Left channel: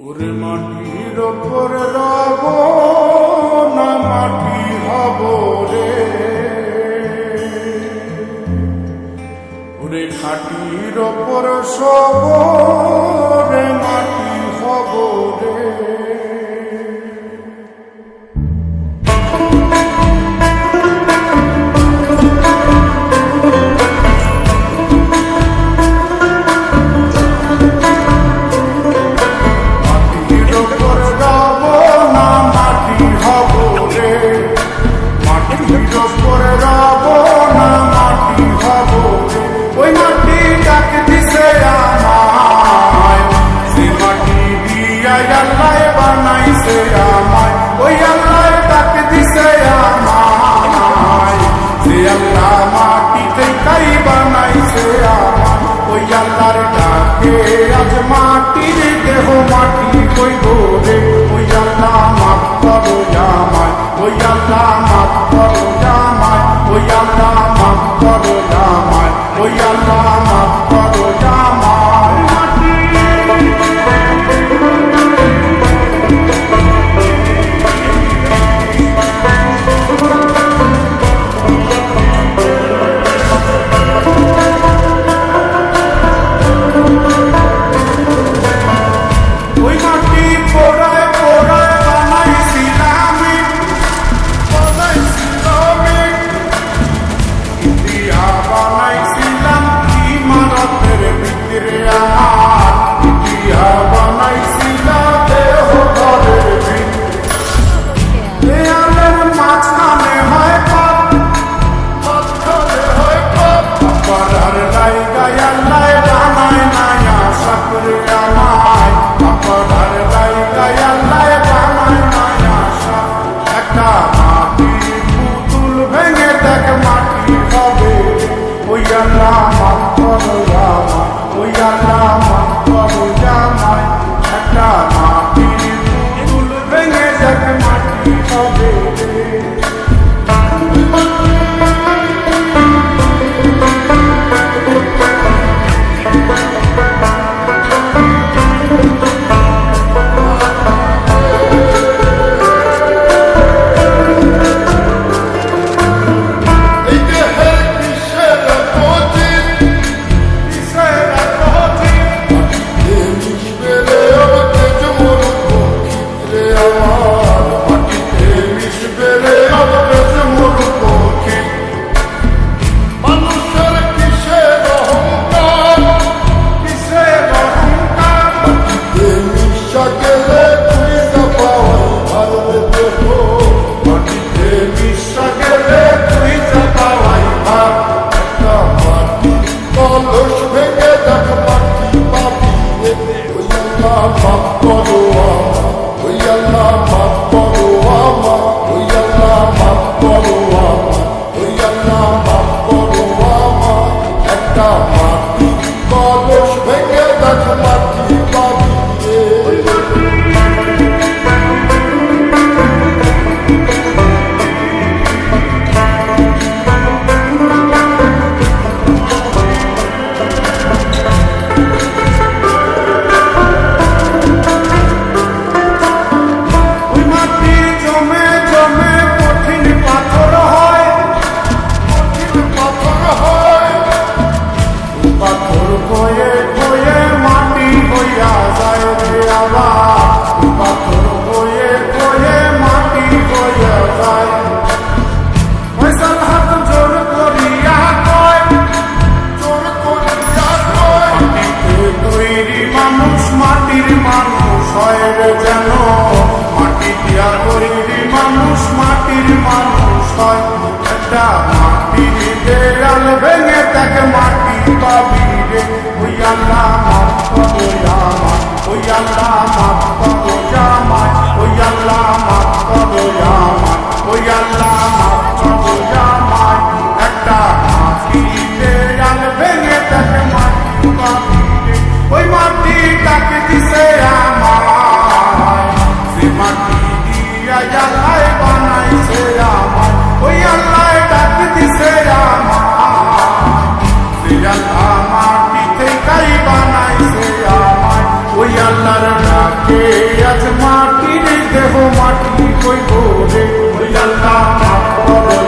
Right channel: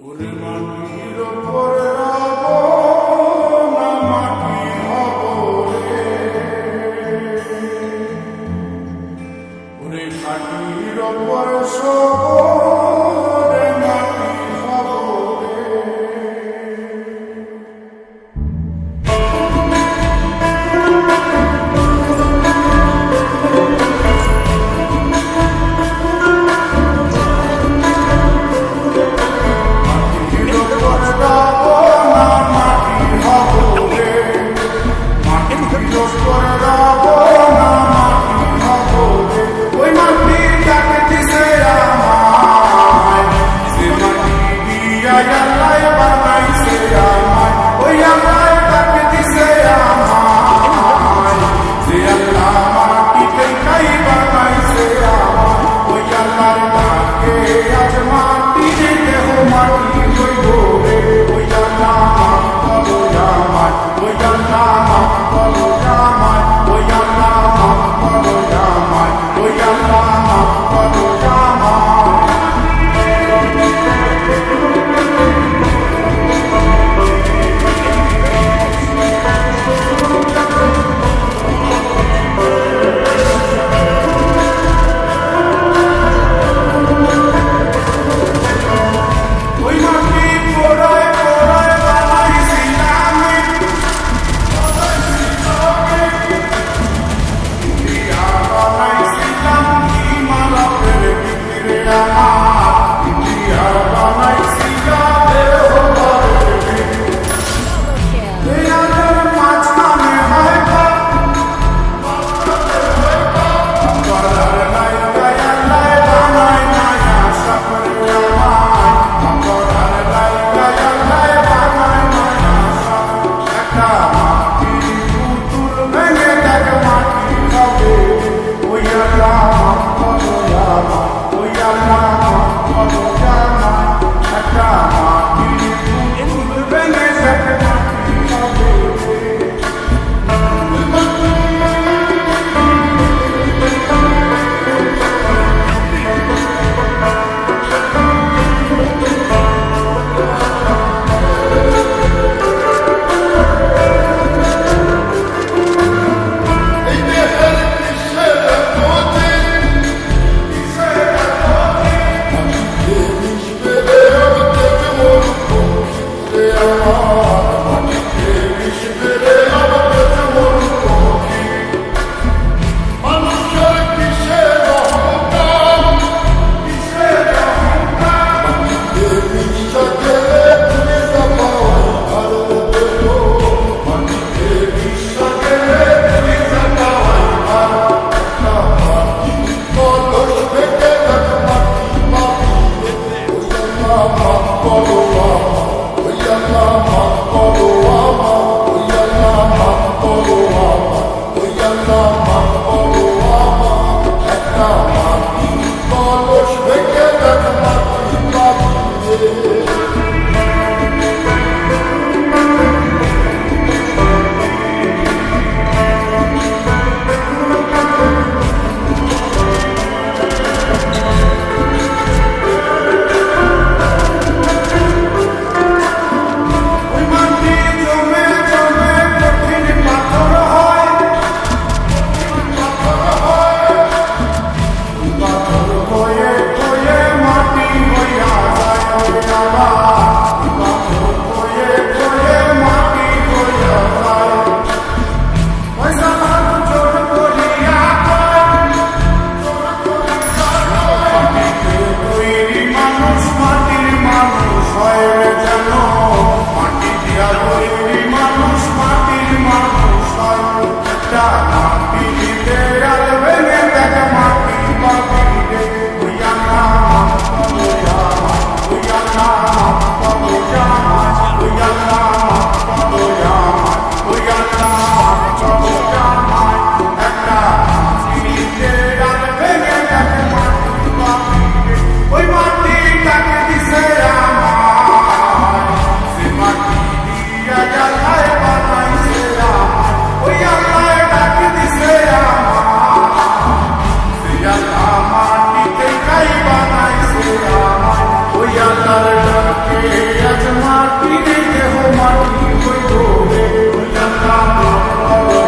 ওরে মাটির ওপর রব না মাটি হব রে, ওরে খাটির ওপর সব রে মাটি হব রে। ওই মাটি ডাক দিছে আমায়, সে মাটি দিয়া আল্লাহ বানাইছে আমায়। ওই আল্লাহ ডাক দিছে আমায়, সে আল্লাহ মাটি থেকেই বানাইছে আমায়। ওই আল্লাহর ডাকে আজ মাটির দেহ মাটি হইব রে। ওই আল্লাহ মাফ করো আমায়, ওই আল্লাহ মাফ করো আমায়, ওই আল্লাহ মাফ করো আমায়, ওই আল্লাহ মাফ করো আমায়। ওই মাটি পোড়ায় পোড়ায় বানাইছিলাম, বানাইছিলাম ইমারতের ভিতরে আমার, ইটিয়া বানাইছিলাম দেহ ঘরের ভিতরে। মাঝখানে হয় পাপ, পাড়ার লাইগায় আল্লাহ বানায় নায়া সাপরে আমায়, পাড়ার লাইগায় আল্লাহ বানায় নায়া সাপ। একটা মাটির পুতুল ভেঙে দেখ মাটি হবে রে। ওই আল্লাহ মাফ করো আমায়, ওই আল্লাহ মাফ করো আমায়। একটা মাটির পুতুল ভেঙে দেখ মাটি হবে রে। মাফ করো আমায়, ওই আল্লাহ মাফ করো আমায়, ওই আল্লাহ মাফ করো আমায়, ওই আল্লাহ মাফ করো আমায়। একটা মাটি কলস ভেঙে দেখ মাটি পাবি রে। পাথর খয়ে খয়ে মাটি হইয়া যায় রে আবার, পাথর খয়ে খয়ে মাটি হইয়া যায়। ফয়সাল হাত জোর করিয়া কয়, জোর করিয়া কয়, মাটিতে তৈরি মানুষ মাটির মানুষ হয় রে যেন। মাটি দিয়া তৈরি মানুষ মাটির মানুষ হয়। একটা মাটির দেয়াল ভেঙে দেখ মাটি পাবি রে। ওই আল্লাহ মাফ করো আমায়, ওই আল্লাহ মাফ করো আমায়, ওই আল্লাহ মাফ করো আমায়, ওই আল্লাহ মাফ করো আমায়। একটা মাটির দেয়াল ভেঙে দেখ মাটি পাবি রে। ওই মাটি ডাক দিছে আমায়, সে মাটি দিয়া আল্লাহ বানাইছে আমায়। ওই আল্লাহ ডাক দিছে আমায়, সে আল্লাহ মাটি থেকেই বানাইছে আমায়। ওই আল্লাহর ডাকে আজ মাটির দেহ মাটি হইব রে ওই আল্লাহ মাফ করো